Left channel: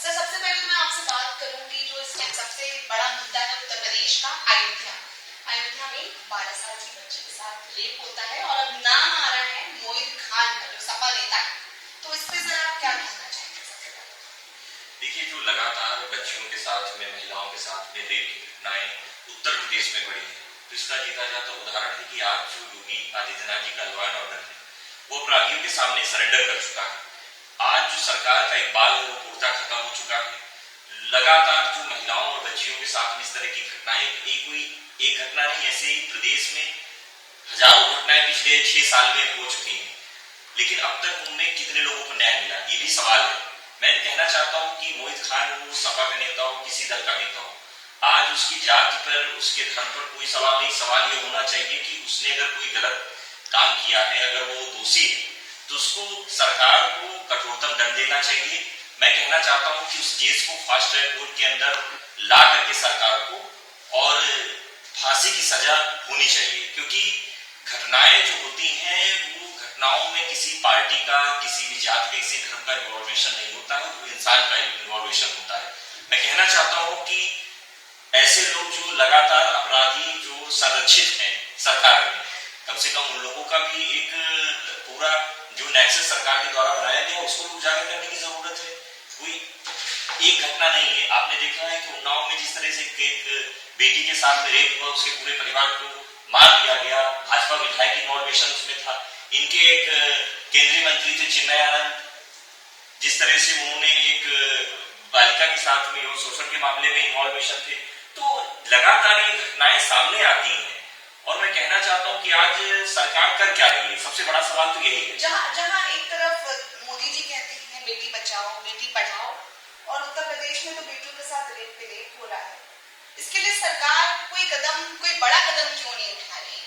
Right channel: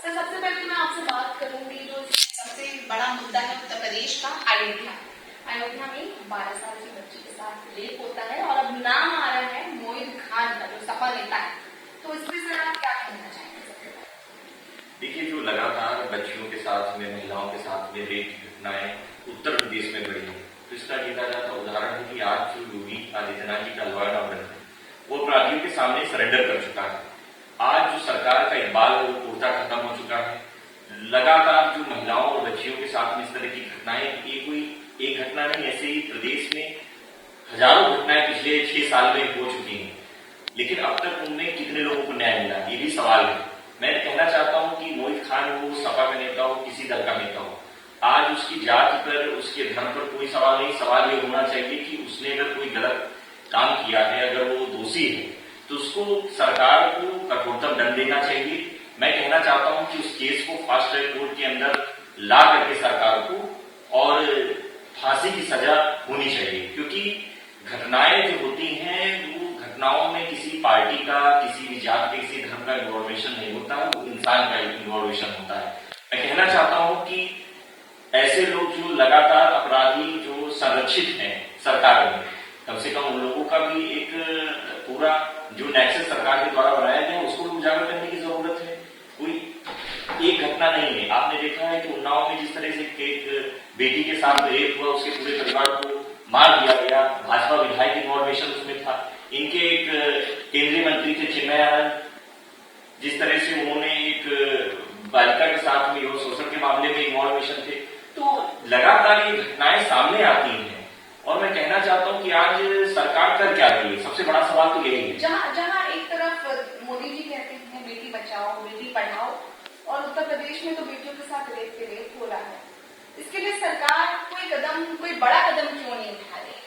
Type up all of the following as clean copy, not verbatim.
Sir, सबसे पहले तो मैं आपसे बात करूंगी जो इस सबसे बड़ा मुद्दा है उत्तर प्रदेश का, अयोध्या। अयोध्या में 12 साल की बच्ची के साथ रेप होता है और अब नाम आ रहा है मोहित खान का, जो सपा नेता है। तो इस पे सर आप क्या कहना चाहेंगे? सबसे पहले देखिए, जो लगातार बच्चियों के साथ में, महिलाओं के साथ में रेप की घटनाएं उत्तर प्रदेश में बढ़ी है, तो इसका जीता जाता उदाहरण है कि आज जो योगी आदित्यनाथ जी का लॉ एंड ऑर्डर है वो अपराधियों के सामने सरेंडर कर चुका है। आज जो सरकार का इकबाल है वो पूर्णतः खत्म हो चुका है। लगातार जो महिलाओं और बच्चियों के साथ में इस तरह की घटनाएं, एक घटना नहीं, ऐसे ही प्रदेश में हजारों घटनाएं पिछले 6 साल में हो चुकी हैं, लेकिन अब तक उनमें कितने लोगों को न्याय मिला, ये भी सवाल है। मैं कहना चाहता हूं कि मोहित खान हो, सपा का नेता हो, किसी दल का नेता हो, आज उसकी जाति पर, उसके धर्म पर कोई सवाल नहीं। सवाल ये होना चाहिए कि उसने अगर कोई गलत काम किया है, अगर वो दोषी है, तो उसको सरकार को कठोरतम दंड देना चाहिए। मैं कहना चाहता हूं कि उस केस को फास्ट ट्रैक कोर्ट के अंदर ला करके सरकार को और फांसी की सजा होनी चाहिए, क्योंकि घटनाएं जो होती हैं वो घटनाओं में किसी पार्टी का, किसी भी जात के, किसी धर्म का इन्वॉल्वेशन नहीं होता है, वो इंसान का इन्वॉल्वेशन होता है। मैं कहना चाहता हूं कि ऐसे लोग जो लगातार अपराधी जो संरक्षित हैं सरकार में, कम से कम उन लोगों का भी एक पूरा जो नेक्सस सरकार के द्वारा बनाया गया उसको भी उजागर करने की जरूरत है। कोई एक घटना नहीं है। आपने देखा है कि उन्नाव में जिस तरह से एक बेटी के साथ रेप हुआ, उसके पूरे परिवार को मार दिया गया, भाजपा विधायक इन्वॉल्वेशन उसमें था। इनके एक केंद्रीय मंत्री थे चिन्मय आनंद, जिस तरह से उन्होंने एक बालिका के साथ में यौन शोषण के मामले में इन्वॉल्वेशन थे। तो लगातार ये घटनाएं सामने आती हैं और मैं कहना चाहता हूं कि आज सरकार कर क्या रही है, सबसे बड़ा सवाल तो यही है। जहां एक तरफ मोदी जी कहते हैं बेटी बचाओ बेटी पढ़ाओ, और उत्तर प्रदेश में तो बेटियों के साथ रेप पे रेप हो रहा है, इसके लिए सरकार कोई बड़ा कदम क्यों नहीं उठा रही?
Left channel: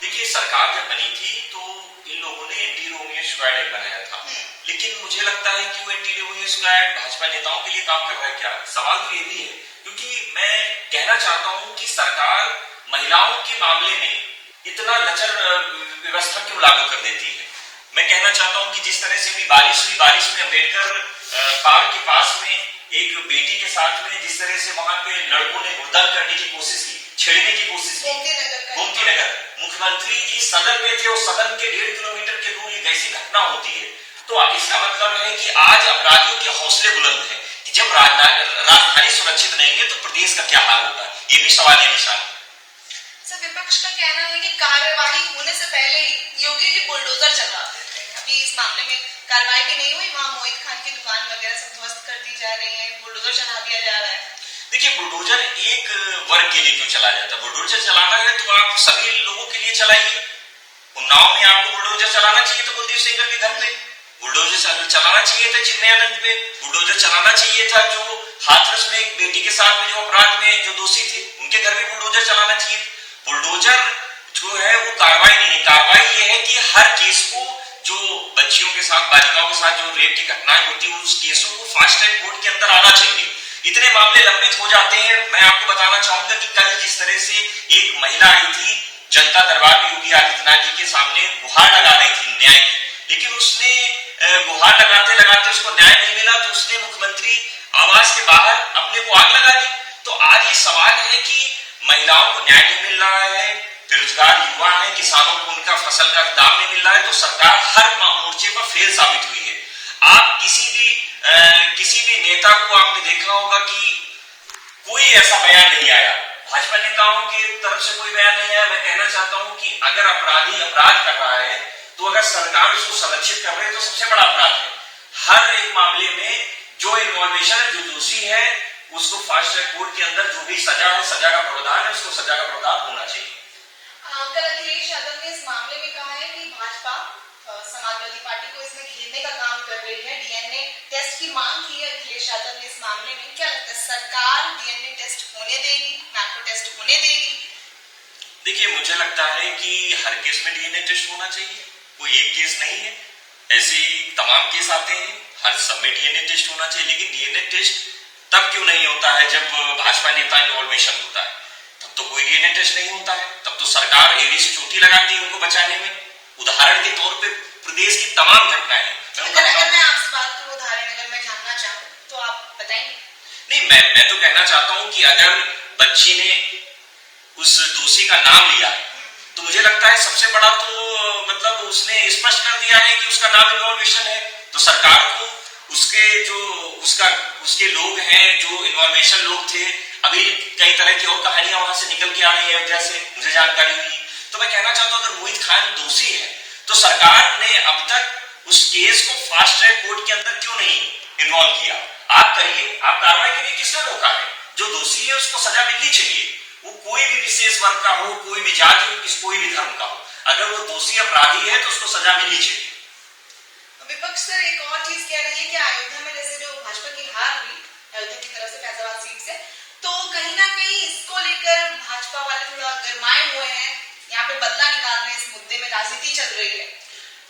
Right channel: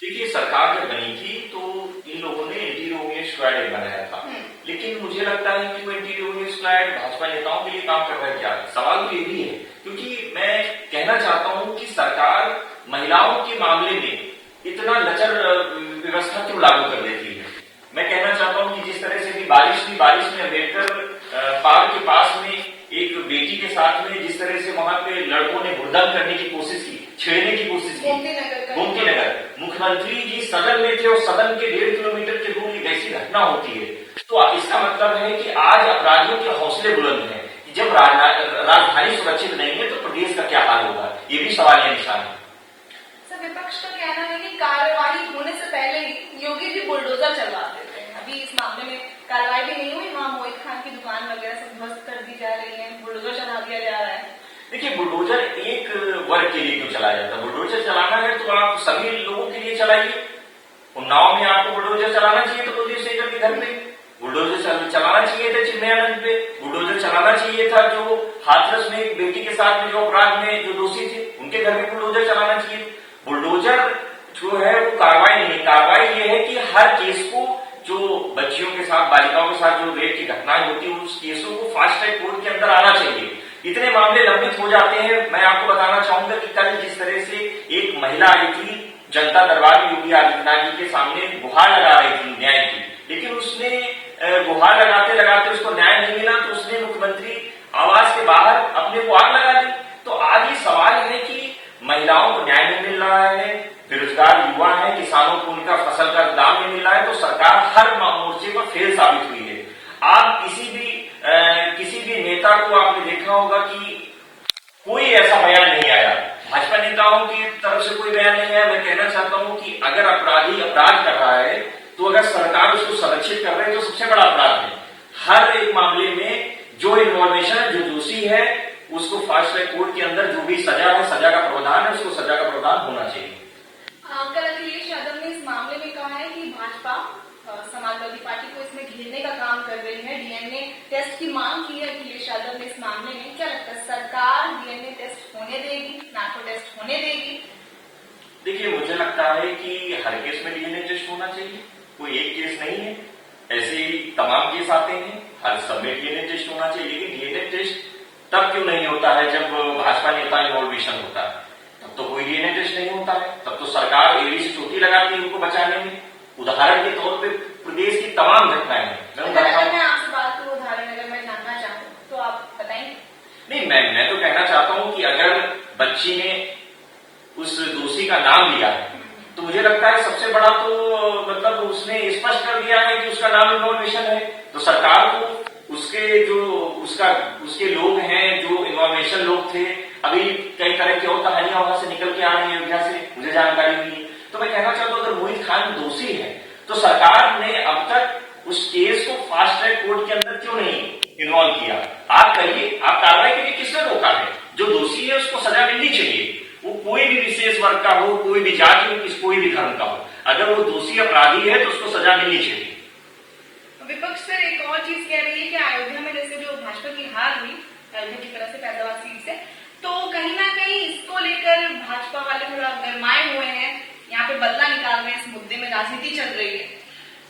देखिए, सरकार जब बनी थी तो इन लोगों ने एंटी रोमियो स्क्वाड एक बनाया था, लेकिन मुझे लगता है कि वो एंटी रोमियो स्क्वाड भाजपा नेताओं के लिए काम कर रहा है क्या? सवाल तो ये भी है, क्योंकि मैं कहना चाहता हूं कि सरकार महिलाओं के मामले में इतना लचर व्यवस्था क्यों लागू कर देती है। मैं कहना चाहता हूं कि जिस तरह से भी बारिश में अम्बेडकर पार्क के पास में एक बेटी के साथ में जिस तरह से वहां पे लड़कों ने हुड़दंग करने की कोशिश की, छेड़ने की कोशिश की, गोमती नगर, मुख्यमंत्री जी सदन में थे और सदन के 1.5 किलोमीटर के दूर एक ऐसी घटना होती है, तो इसका मतलब है कि आज अपराधियों के हौसले बुलंद हैं कि जब राजधानी सुरक्षित नहीं है तो प्रदेश का क्या हाल होगा, ये भी सवाल है, निशान है। सर, विपक्ष का कहना है कि कार्यवाही होने से पहले ही योगी जी बुलडोजर चलवा देते हैं। अभी इस मामले में कार्रवाई भी नहीं हुई, वहां मोहित खान की दुकान वगैरह सब ध्वस्त कर दी जा रही है, बुलडोजर चला दिया जा रहा है। देखिए, बुलडोजर एक वर्ग के लिए क्यों चलाया जाता है? बुलडोजर चलाना है तो आप सभी लोगों के लिए चलाइए। उन्नाव में आपको बुलडोजर चलाना चाहिए तो कुलदीप सेंगर के घर पे, बुलडोजर चलाना चाहिए था चिन्मय आनंद पे, बुलडोजर चलाना चाहिए था जो हाथरस में एक बेटी के साथ में जो अपराध में जो दोषी थे उनके घर में बुलडोजर चलाना चाहिए। बुलडोजर जो है वो कार्रवाई नहीं है। कार्रवाई ये है कि हर केस को, जो बच्चियों के साथ, बालिकाओं के साथ जो रेप की घटनाएं होती है, उस केसों को फास्ट ट्रैक कोर्ट के अंदर आना चाहिए। इतने मामले लंबित हो जाते हैं। मैं आपको बताना चाहूंगा कि कल जिस तरह से एक महिला आई थी जनता दरबार में योगी आदित्यनाथ जी के सामने गुहार लगा रही थी न्याय की, लेकिन उसने गुहार लगाते लगाते उसको न्याय नहीं मिला तो उसने मुख्यमंत्री आवास के बाहर अपने को आग लगा दी। तो आज ये सवाल है कि महिलाओं को न्याय नहीं मिल रहा है, बेरोजगार युवा है, किसानों को उनका फसल का दाम नहीं मिल रहा है, तो सरकार हर मोर्चे पर फेल साबित हुई है। आप किसी भी नेता को आपने देखा होगा कि कोई ऐसा बयान नहीं आया, भाजपा नेताओं की तरफ से कोई बयान नहीं आया। मैं कहना चाहता हूं कि अगर अपराधी अपराध कर रहा है तो अगर सरकार उसको संरक्षित कर रही है तो सबसे बड़ा अपराध है। हर एक मामले में जो इन्वॉल्वेशन है, जो दोषी है, उसको फास्ट ट्रैक कोर्ट के अंदर जो भी सजा है, सजा का प्रावधान है, उसको सजा का प्रावधान होना चाहिए। कल अखिलेश यादव ने इस मामले में कहा है कि भाजपा समाजवादी पार्टी को इसमें घेरने का काम कर रही है, डीएनए टेस्ट की मांग की है अखिलेश यादव ने इस मामले में। क्या लगता है, सरकार डीएनए टेस्ट होने देगी, नार्को टेस्ट होने देगी? देखिए, मुझे लगता है कि हर केस में डीएनए टेस्ट होना चाहिए, कोई एक केस नहीं है, ऐसे ही तमाम केस आते हैं, हर सब में डीएनए टेस्ट होना चाहिए। लेकिन डीएनए टेस्ट तब क्यों नहीं होता है जब भाजपा नेता इन्वॉल्वेशन होता है? तब तो कोई डीएनए टेस्ट नहीं होता है, तब तो सरकार एड़ी से चोटी लगाती है उनको बचाने में। उदाहरण के तौर पे प्रदेश की तमाम घटनाएं हैं। अगर मैं आपसे बात करूं, उदाहरण अगर मैं जानना चाहूं तो आप बताएंगे? नहीं, मैं तो कहना चाहता हूं कि अगर बच्ची ने उस दोषी का नाम लिया है तो मुझे लगता है सबसे बड़ा तो मतलब उसने स्पष्ट कर दिया है कि उसका नाम इन्फॉर्मेशन है। तो सरकार को उसके लोग हैं जो इन्फॉर्मेशन लोग थे, अभी कई तरह की और कहानियां वहां से निकल के आ रही है अयोध्या से, मुझे जानकारी हुई। तो मैं कहना चाहता हूं अगर मोहित खान दोषी है तो सरकार ने अब तक उस केस को फास्ट ट्रैक कोर्ट के अंदर क्यों नहीं इन्वॉल्व किया? आप करिए, आप कार्रवाई करिए, किसने रोका है? जो दोषी है उसको सजा मिलनी चाहिए, वो कोई भी विशेष वर्ग का हो, कोई भी जाति हो, कोई भी धर्म का हो। अगर वो दोषी अपराधी है तो उसको सजा मिलनी चाहिए। विपक्ष सर एक और चीज कह रही है कि अयोध्या में जैसे जो भाजपा की हार हुई अयोध्या की तरफ से फैजाबाद सीट से, तो कहीं ना कहीं इसको लेकर भाजपा वाले थोड़ा गरमाए हुए हैं, यहाँ पे बदला निकाल रहे हैं, इस मुद्दे में राजनीति चल रही है।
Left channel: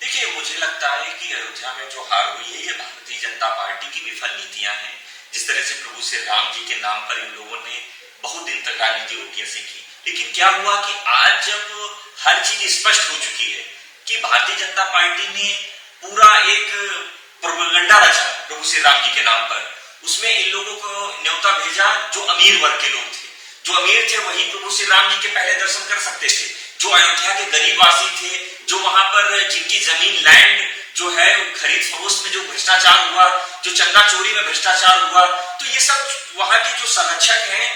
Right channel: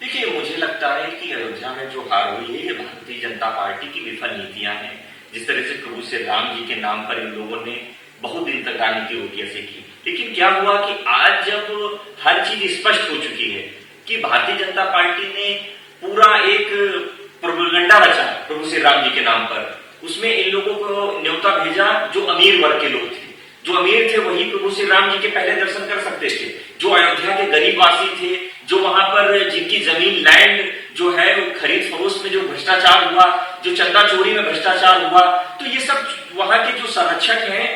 देखिए, मुझे लगता है कि अयोध्या में जो हार हुई है ये भारतीय जनता पार्टी की विफल नीतियां हैं। जिस तरह से प्रभु श्री राम जी के नाम पर इन लोगों ने बहुत दिन तक राजनीति रोटियां सेकी, लेकिन क्या हुआ कि आज जब हर चीज स्पष्ट हो चुकी है कि भारतीय जनता पार्टी ने पूरा एक प्रोपेगेंडा रचा प्रभु श्री राम जी के नाम पर, उसमें इन लोगों को न्योता भेजा जो अमीर वर्ग के लोग थे। जो अमीर थे वही प्रभु श्री राम जी के पहले दर्शन कर सकते थे। जो अयोध्या के गरीब वासी थे, जो वहां पर जिनकी जमीन लैंड जो है खरीद फरोख्त में जो भ्रष्टाचार हुआ, जो चंदा चोरी में भ्रष्टाचार हुआ, तो ये सब वहां के जो संरक्षक हैं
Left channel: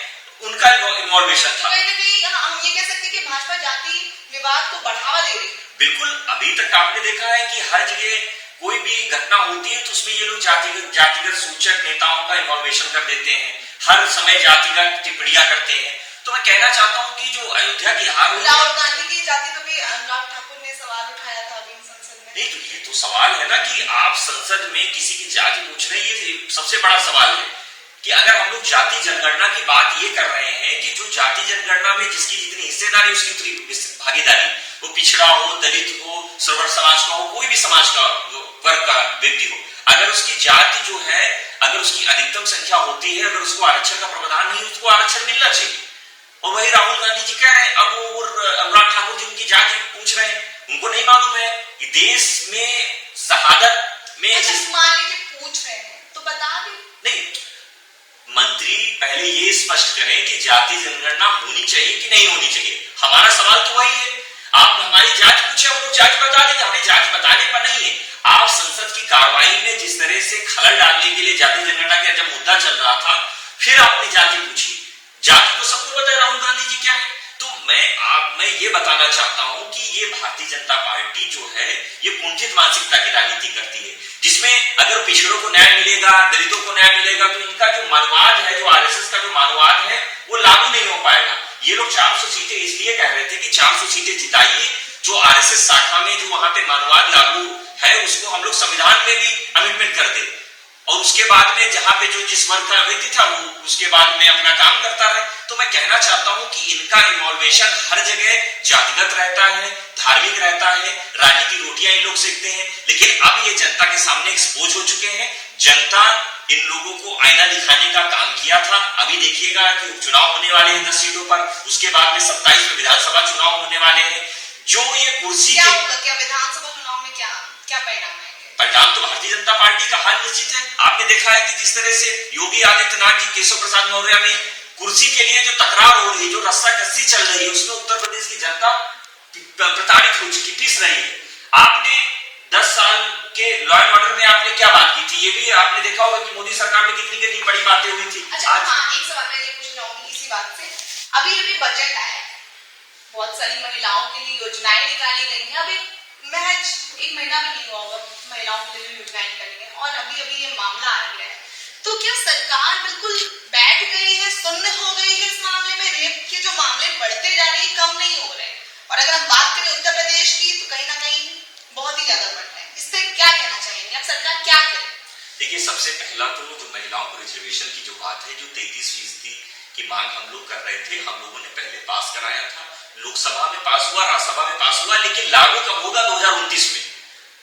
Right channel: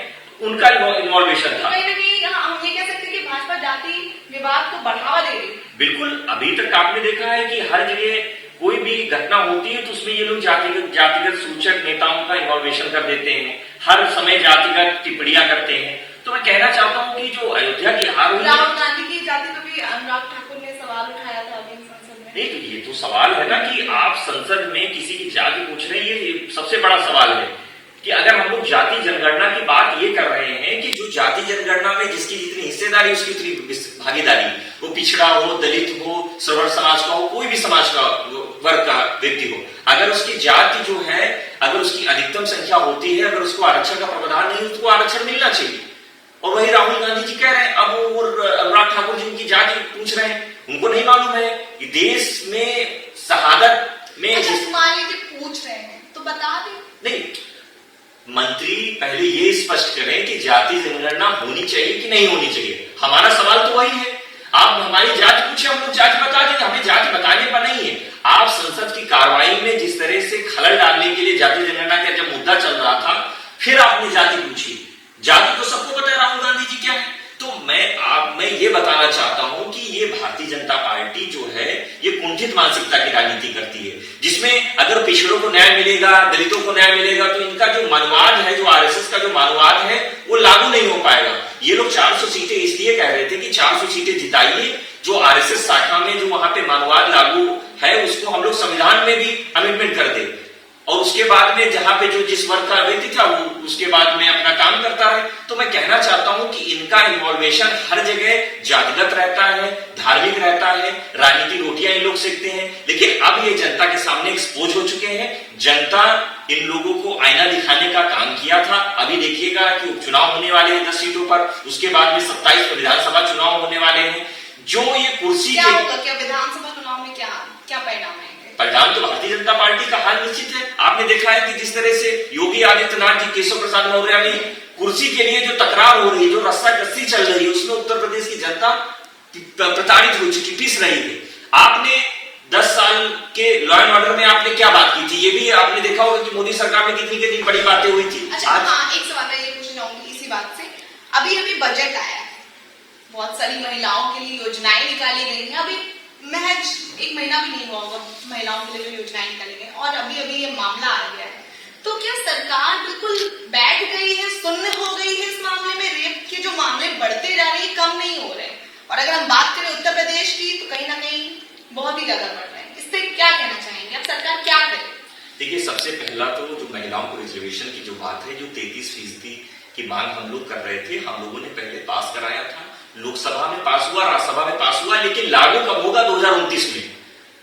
उनका इन्वॉल्वेशन था। हम ये कह सकते हैं कि भाजपा जाति विवाद को बढ़ावा दे रही है। बिल्कुल, अभी तक आपने देखा है कि हर जगह कोई भी घटना होती है तो उसमें ये लोग जातिगत सूचक नेताओं का इन्वॉल्वेशन कर देते हैं, हर समय जातिगत टिप्पणियां करते हैं। तो मैं कहना चाहता हूं कि जो अयोध्या की हार हुई, राहुल गांधी की जाति पर भी अनुराग ठाकुर ने सवाल उठाया था अभी संसद में। नहीं, तो ये तो सवाल है ना कि आप संसद में किसी की जाति पूछ रहे हैं, ये सबसे बड़ा सवाल है कि अगर हम लोग जाति जनगणना की बात ये कर रहे हैं कि जो जाति जनगणना में जिसकी जितनी हिस्सेदारी उसकी उतनी भागीदारी, वो पिछड़ा हो, दलित हो, सवर्ण समाज का हो, कोई भी समाज का वर्ग का व्यक्ति हो, अगर उसकी जाति जो है, अगर उसकी अधिकतम संख्या होती है, अगर उसको आरक्षण का प्रावधान नहीं, उसको आरक्षण मिलना चाहिए। और वही राहुल गांधी जी कह रहे हैं। अब वो अनुराग ठाकुर जी उनकी जाति पूछ रहे हैं, उनको नहीं मालूम है कि देश में शहादत में मान लीजिए पूछ रहे हैं तो बता दें। नहीं, मंत्री पहले ये स्पष्ट करें कि जाति जनगणना होनी चाहिए कि नहीं होनी चाहिए। हमारा सवाल तो वही है। आप हमारी जाति पूछे, हम लोग जाति बता देंगे, हमें जाति बताने पर नहीं है। आप संसद की कार्रवाई में जिस तरह से खलल डालने के लिए जाति जनगणना का जब मुद्दा चल रहा था, फिर आपने जाति पूछी। जाति तो सबको पता है राहुल गांधी जी क्या है। तो मैं ये बताना चाहता हूं कि ये भारतीय जनता पार्टी जो है ये कुंठित मानसिकता की राजनीति करती है, जिसमें अगर पिछड़ों को न्याय मिलेगा, दलितों को न्याय मिलेगा, तो इनका जो मनवाद है, जो आरएसएस का जो मनवाद है, वो लागू नहीं हो पाएगा। ये लोग 400 सीटें इसलिए कह रहे थे कि 400 सीटें जिताइए, जो आरएसएस शाखा में जो वहां पे मनवाद लागू है उसको हम लोग संविधान में भी अमेंडमेंट कर दे, और उसके बाद में जहां पे जो जिस वर्ग का व्यक्ति था वो उसके बाद में अपना काम करता रहे। तो मैं कहना चाहता हूं कि इनका इन्वॉल्वेशन हर जगह जातिगत रहता है, धार्मिक रहता है, राजनीतिक रोटियां इन लोग सेकते हैं। लेकिन अब ये जनता के सामने एक्सपोज हो चुके हैं। जनता इन लोगों को आईना दिखाने का काम किया था। अभी देखिएगा कि उपचुनाव होने वाले हैं 10 सीटों पर, उसके बाद में 27 में विधानसभा चुनाव होने वाले हैं। जो ये कुर्सी क्या होगा, क्या विधानसभा चुनाव में क्या परिणाम है? परिणाम तो भारतीय जनता पार्टी का हाल निश्चित है। आपने देखा है कि जिस तरह से योगी आदित्यनाथ जी, केशव प्रसाद मौर्य में कुर्सी के लिए जो तकरार हो रही है, जो रस्साकस्सी चल रही है, उसमें उत्तर प्रदेश की जनता प्रताड़ित हो चुकी, पिस रही है। आपने 10 साल के लॉ एंड ऑर्डर में आपने क्या बात की थी, ये भी आपने देखा होगा कि मोदी सरकार में कितनी कितनी बड़ी बातें हुई थी। अच्छा, हाँ, एक सवाल मैं ये पूछना चाहूंगी इसी बात से। अभी बजट आया है, बहुत सारी महिलाओं के लिए योजनाएं निकाली गई हैं। अभी महज 1 महीना भी नहीं हुआ होगा महिलाओं के लिए योजनाएं निकाली गई, और अभी ये मामला आ गया है। तो क्या सरकार बिल्कुल बैठ गई है, सुन्न हो गई है इस मामले में? रेप के जो मामले बढ़ते जा रहे हैं, कम नहीं हो रहे, और अगर हम बात करें उत्तर प्रदेश की तो कहीं ना कहीं बहुत ही ज्यादा बढ़ रहे हैं। इससे क्या कहना चाहेंगे, अब सरकार क्या करे? देखिए, सबसे पहला तो जो महिलाओं को रिजर्वेशन की जो बात है, जो 33% की मांग हम लोग कर रहे थे, हम लोगों ने पहले पास कराया था, लोकसभा में पास हुआ, राज्यसभा में पास हुआ, लेकिन लागू कब होगा? 2029 में।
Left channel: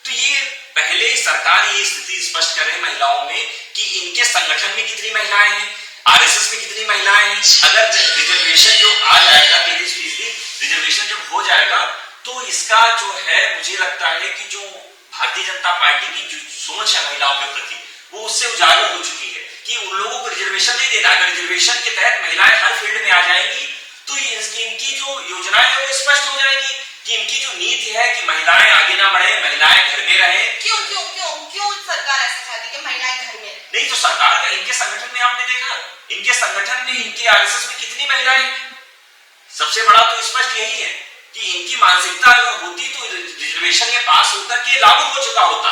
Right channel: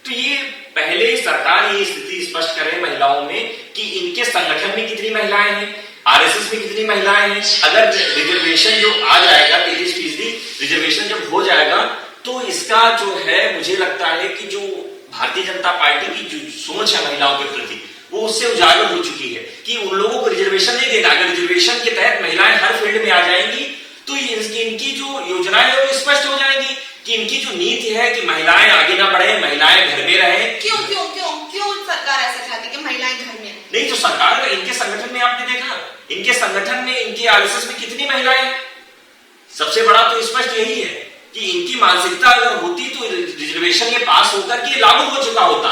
तो ये पहले सरकार ये स्थिति स्पष्ट करे महिलाओं में कि इनके संगठन में कितनी महिलाएं हैं, आरएसएस में कितनी महिलाएं हैं। अगर रिजर्वेशन जो आ जाएगा, 33% रिजर्वेशन जब हो जाएगा, तो इसका जो है मुझे लगता है कि जो भारतीय जनता पार्टी की जो सोच है महिलाओं के प्रति, वो उससे उजागर हो चुकी है कि उन लोगों को रिजर्वेशन नहीं देना। अगर रिजर्वेशन के तहत महिलाएं हर फील्ड में आ जाएंगी तो इनकी जो योजनाएं है वो स्पष्ट हो जाएंगी कि इनकी जो नीति है कि महिलाएं आगे ना बढ़े, महिलाएं घर में रहें। क्यों क्यों क्यों क्यों सरकार ऐसा चाहती है कि महिलाएं घर में? नहीं तो सरकार, इनके संगठन में आपने देखा, इनके संगठन में, इनके आरएसएस में कितनी महिलाएं हैं। सबसे बड़ा तो स्पष्ट यही है कि इनकी मानसिकता अगर होती तो रिजर्वेशन ये पास होकर के लागू हो चुका होता।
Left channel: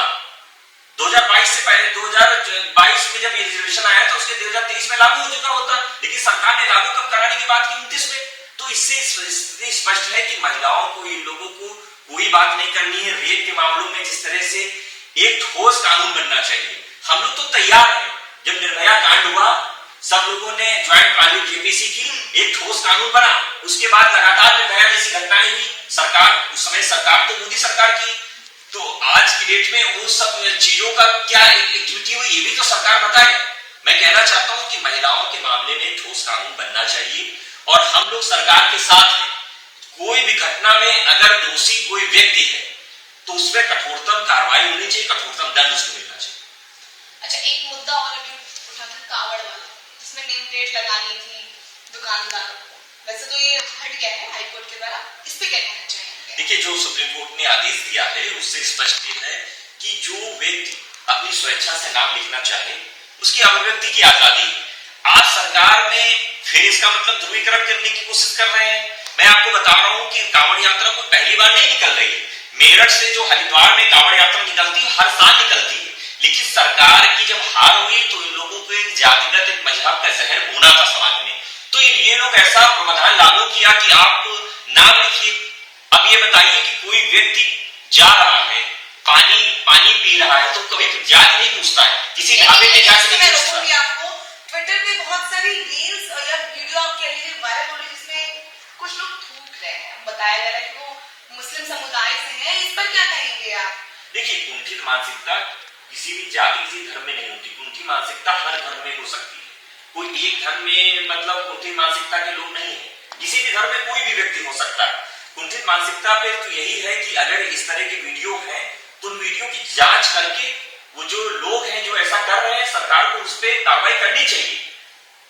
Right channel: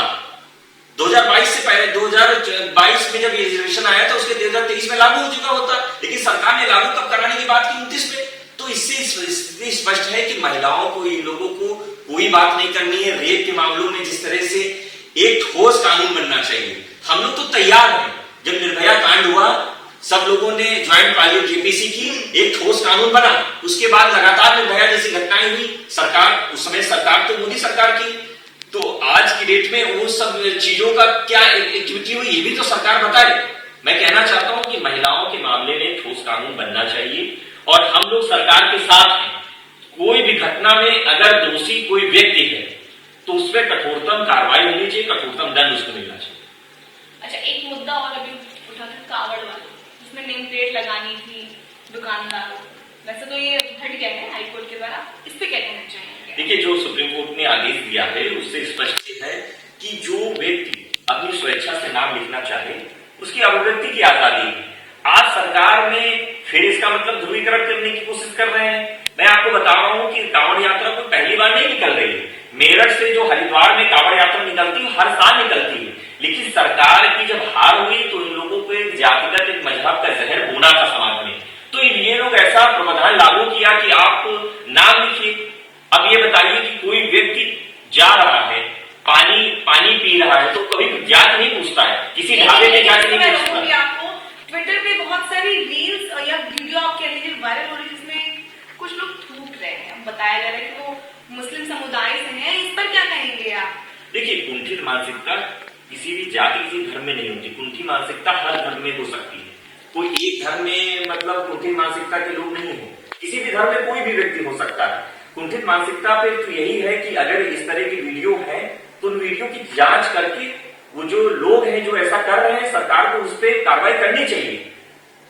2022 से पहले, 2022 में जब रिजर्वेशन आया तो उसके 2023 में लागू हो चुका होता, लेकिन सरकार ने लागू कब कराने की बात की? 29 में। तो इससे स्थिति स्पष्ट है कि महिलाओं को, इन लोगों को कोई बात नहीं करनी है। रेप के मामलों में जिस तरह से एक ठोस कानून बनना चाहिए, हम लोग तो तैयार हैं। जब निर्भया कांड हुआ, सब लोगों ने ज्वाइंट पार्लियामेंट जेपीसी की, एक ठोस कानून बना। उसके बाद लगातार निर्भया जैसी घटनाएं हुई। सरकार, उस समय सरकार तो मोदी सरकार की, तो आज की डेट में वो सब चीजों का क्या एक्टिविटी हुई ये भी तो सरकार बताए। मैं कहना चाहता हूं कि महिलाओं के मामले में ठोस कानून बनना चाहिए और हम लोग सरकार के साथ हैं। कोई भी घटना में अगर दोषी कोई व्यक्ति है तो उस पर कठोरतम कार्रवाई होनी चाहिए, कठोरतम दंड उसको मिलना चाहिए। अच्छा, एक मुद्दा और अभी उठा था कावड़ वाला, जिसमें नेम प्लेट लगानी थी दुकानदारों। वैसे तो ये हट गया है हाईकोर्ट के द्वारा, इस पे क्या कहना चाहिए? देखिए, जो सुप्रीम कोर्ट ने आदेश दिया है उससे स्पष्ट है कि जो व्यक्ति अपनी स्वेच्छा से नाम लिखना चाहे उसकी अभिव्यक्ति की आजादी है। आज सरकार में फिर इसका मतलब ध्रुवीकरण करने की कोशिश कर रहे हैं। मैं आपको बता रहा हूं कि कांवड़ यात्रा कोई पहली बार नहीं निकल रही है। मेरठ से जो हरिद्वार में कांवड़ यात्रा निकलती है हर साल निकलती है, लेकिन सरकार की जब हार हुई तो इन लोगों को एक जातिगत, एक मजहब का जहर बोना था समाज में। तो ये लोग ऐसा प्रावधान लागू किया कि आप नाम लिखिए। अब ये बताइए कि कोई व्यक्ति जा रहा है, पानी पी रहा है, तो कभी जाति नहीं पूछता है, किसी ढाबे में जाति नहीं पूछता। आपको ट्विटर पे बहुत सारी रील्स या वीडियो आप कह लीजिए वायरल हो रही है, जिसमें कुछ लोग थूक रहे हैं, बताया जा रहा है कि वो मुस्लिम समुदाय से हैं। इस पर क्या कहेंगे आप? देखिए, कुंठित मानसिकता किसी भी जाति, किसी धर्म में नहीं होती। कुंठित मानसिकता हर धर्म में हो सकती है। कोई एक धर्म में मतलब कुंठित मानसिकता के लोग नहीं है, किसी भी धर्म में कोई भी व्यक्ति हो सकता है। कुंठित मानसिकता पे तो यही है कि अगर इस तरह की वीडियो है तो उन वीडियो की जांच करके वो जो लोग हैं जो ऐसा कर रहे हैं, सरकार को उस पर कार्रवाई करनी चाहिए।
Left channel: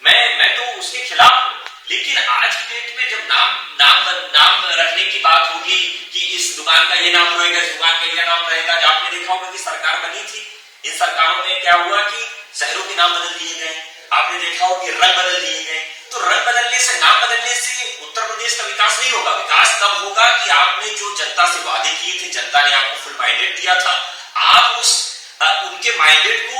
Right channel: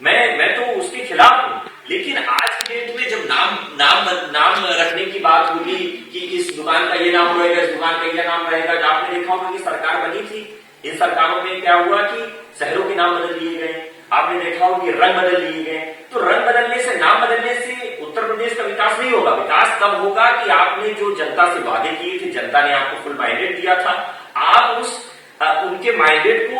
मैं तो उसके खिलाफ हूं, लेकिन आज की डेट में जब नाम रखने की बात होगी कि इस दुकान का ये नाम रहेगा, इस दुकान का ये नाम रहेगा। जो आपने देखा होगा कि सरकार बनी थी, इन सरकारों में क्या हुआ कि शहरों के नाम बदल दिए गए। आपने देखा होगा कि रंग बदल दिए गए। तो रंग बदलने से, नाम बदलने से उत्तर प्रदेश का विकास नहीं होगा। विकास तब होगा कि आपने जो जनता से वादे किए थे, जनता ने आपको फुल माइंडेड दिया था, आप उनके माइंडेड को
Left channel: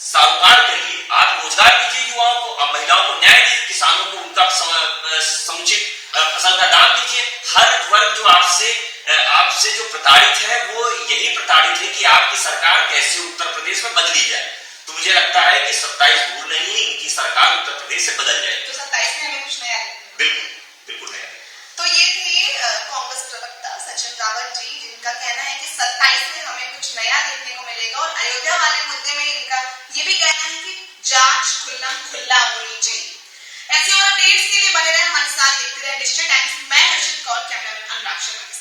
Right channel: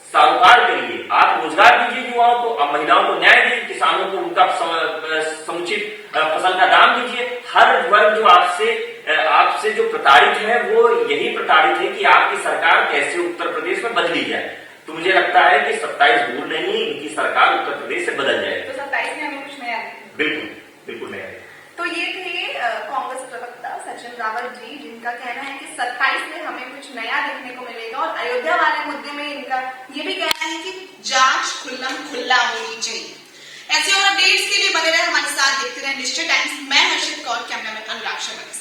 सारोकार करिए। आप रोजगार दीजिए युवाओं को, अब महिलाओं को न्याय दीजिए, किसानों को उनका समुचित फसल का दाम दीजिए। हर वर्ग जो आपसे जो प्रताड़ित है वो यही प्रताड़ित है कि आपकी सरकार कैसे उत्तर प्रदेश में बदली जाए। तो मुझे लगता है कि 27 दूर नहीं है, इनकी सरकार उत्तर प्रदेश से बदल जाएगी। तो 27 में हमें कुछ नया बिल्कुल नया। तो ये थे कांग्रेस प्रवक्ता सचिन रावत जी, जिनका कहना है कि 27 में हमें कुछ नया देखने को मिलेगा। और अयोध्या वाले मुद्दे में इनका ये भी कहना है कि जांच खुल्ला होनी चाहिए। ऐसे और अपडेट्स के लिए बने रहे हमारे साथ, देखते रहे निश्चय टाइम्स। मैं हर्षित कौर, कैमरामैन अनुराग शर्मा।